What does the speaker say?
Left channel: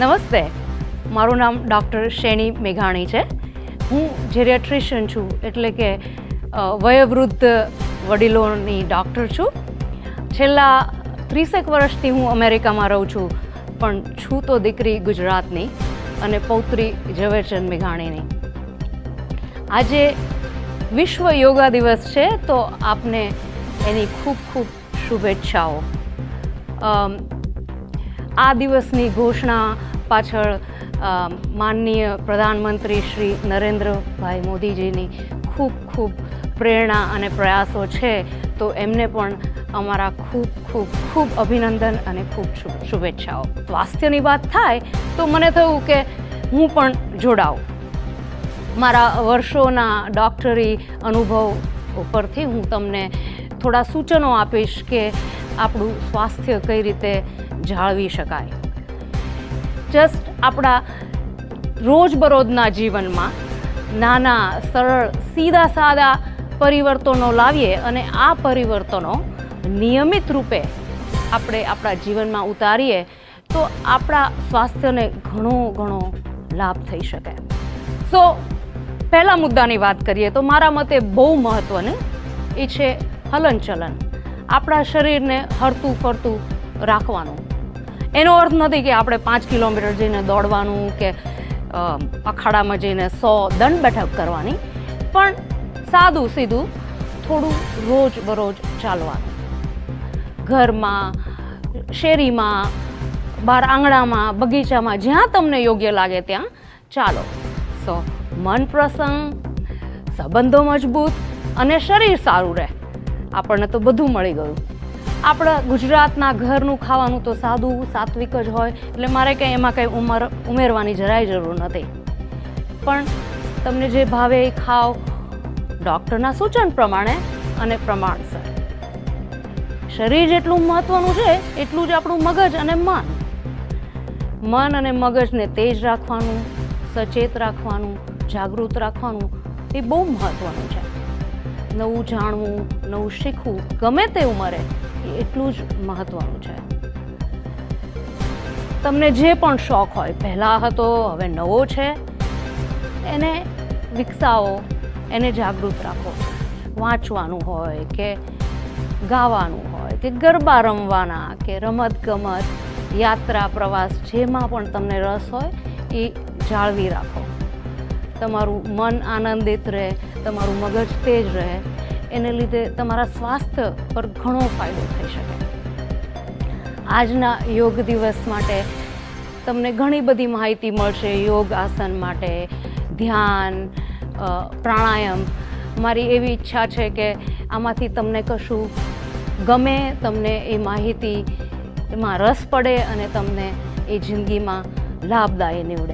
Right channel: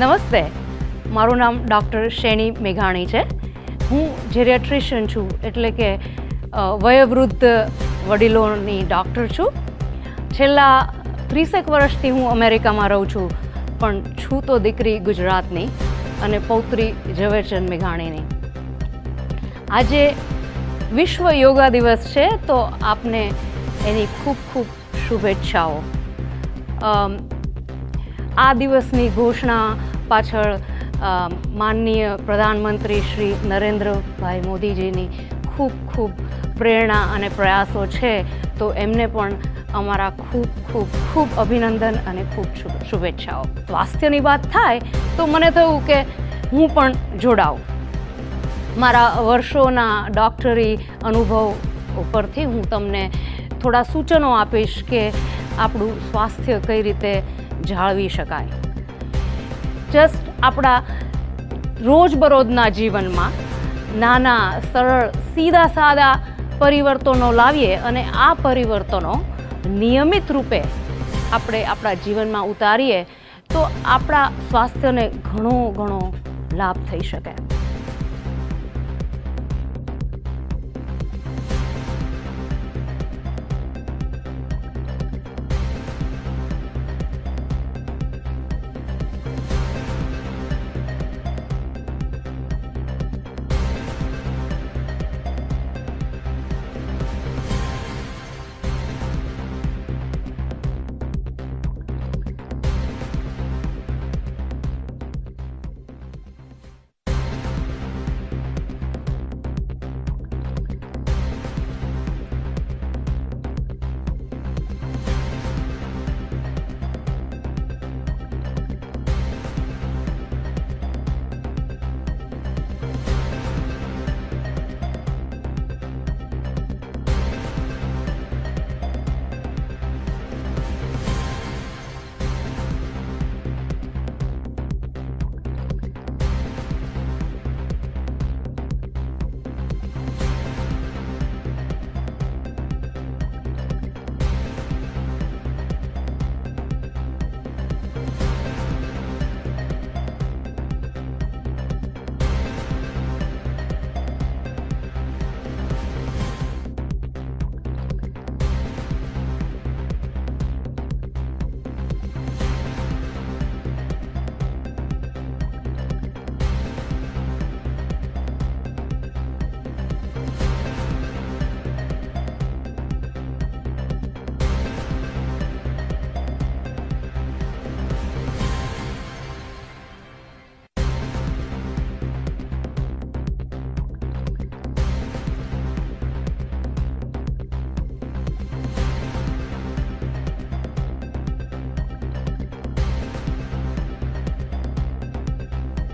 નમસ્તે, મારું નામ ડૉક્ટર શેની મેઘાણી છે. હું જેરિયાટ્રિશિયન છું, એટલે કે વયોવૃદ્ધ વડીલોની ડૉક્ટર છું. છેલ્લા 30 વર્ષથી હું અમેરિકામાં રહું છું, પણ છું તો દીકરી ગુજરાતની અને પૌત્રી ઝવેરચંદ મેઘાણીની. આજે વિશ્વ યોગા દિવસ છે, તો આપને એની ખૂબ ખૂબ શુભેચ્છાઓ. આ દિવસની ઘોષણા પાછળ માનનીય પ્રધાનમંત્રી શ્રી નરેન્દ્રભાઈ મોદીજીની ખૂબ ખૂબ પ્રેરણા અને પ્રયાસો છે, તો એમને પણ અમારા ખૂબ ખૂબ ખૂબ અભિનંદન અને ખૂબ શુભેચ્છાઓ. સ્વાસ્થ્યની વાત થાય તો મને થયું કે હું પણ જોડાઉં. મારા વર્ષોના ડૉક્ટરી અનુભવ ઉપરથી હું તમને થોડા સૂચનો આપીશ કે આપણું સ્વાસ્થ્ય કઈ રીતે જાળવી શકાય. જસ્ટ આપણા રોજબરોજના જીવનમાં નાના સરળ સીધા સાદા પરિવર્તનો લાવીએ અને આ પરિવર્તનો નિયમિત રૂપે આપણે આપણા જીવનમાં ઉતારીએ તો આપણા સ્વાસ્થ્યને ઘણો લાભ થઈ શકે. સો પહેલા મુદ્દાની વાત કરીએ તો મારા મતે બહુ મહત્ત્વનું એ છે હલનચલન. આપણા શરીરને હરતું ફરતું રાખવાનું. એનો અર્થ નથી કે આપણે 5 કિલોમીટર જઈને દોડવાનું કે અખાડામાં જઈને 100 દંડ બેઠક કરવાની, પણ સાદું સીધું થોડું રોજબરોજ ચાલવાનું. ઘરમાં, શેરીમાં, બહાર આંગણામાં, બગીચામાં, જ્યાં તમને યોગ્ય લાગે ત્યાં ચાલો. સો મન પ્રસન્ન, સંબંધો મજબૂત અને શરીર સારું રહે. આપણને તો બધું મળી ગયું. આપણા ગુજરાતના ઘરનું ખાવાનું તો સાદું સાત્વિક જ હોય, એટલે મારે કંઈ એમાં કંઈ ઉમેરવાની જરાય જરૂર નથી. પણ તમને જે ભાવે એ ખાઓ, ડૉક્ટરના સૂચન પ્રમાણે અને પ્રમાણસર. શરીર જેટલું મહત્ત્વનું છે એટલું જ આપણું મગજ અને મન. મન અને મગજને તેજ રાખવાનું, સચેત રાખવાનું, જાગૃત રાખવાનું એ બહુ મહત્ત્વનું છે. નવું જાણવું, નવું શીખવું ગમે તે ઉંમરે એટલું જ મહત્ત્વનું છે. તમને જે પણ શોખ હોય, પહેલાં હતો હવે નવો છે, એને વિકસાવો, એને જાગૃત રાખો. વાંચવાનું હોય કે ગાવાનું હોય કે ગરબા રમવાના કે રમતગમત, યાત્રા, પ્રવાસ, જેમાં પણ તમને રસ હોય એ જાળવી રાખો. તમારું મન આનંદિત રહે, તમારું મગજ તેજ રહે, એને લીધે તમારા સ્વાસ્થ્ય પર ઘણો ફાયદો થઈ શકે. આજના યોગ દિવસ માટે તમને ઘણી બધી માહિતી મળશે. યોગ આસન માટે, ધ્યાન, પ્રાણાયામ. મારી એવી ઈચ્છા છે કે આમાંથી તમને કશું ગમે, તમને એ માહિતી એમાં રસ પડે અને તમને એ જિંદગીમાં લાભદાયી નીવડે.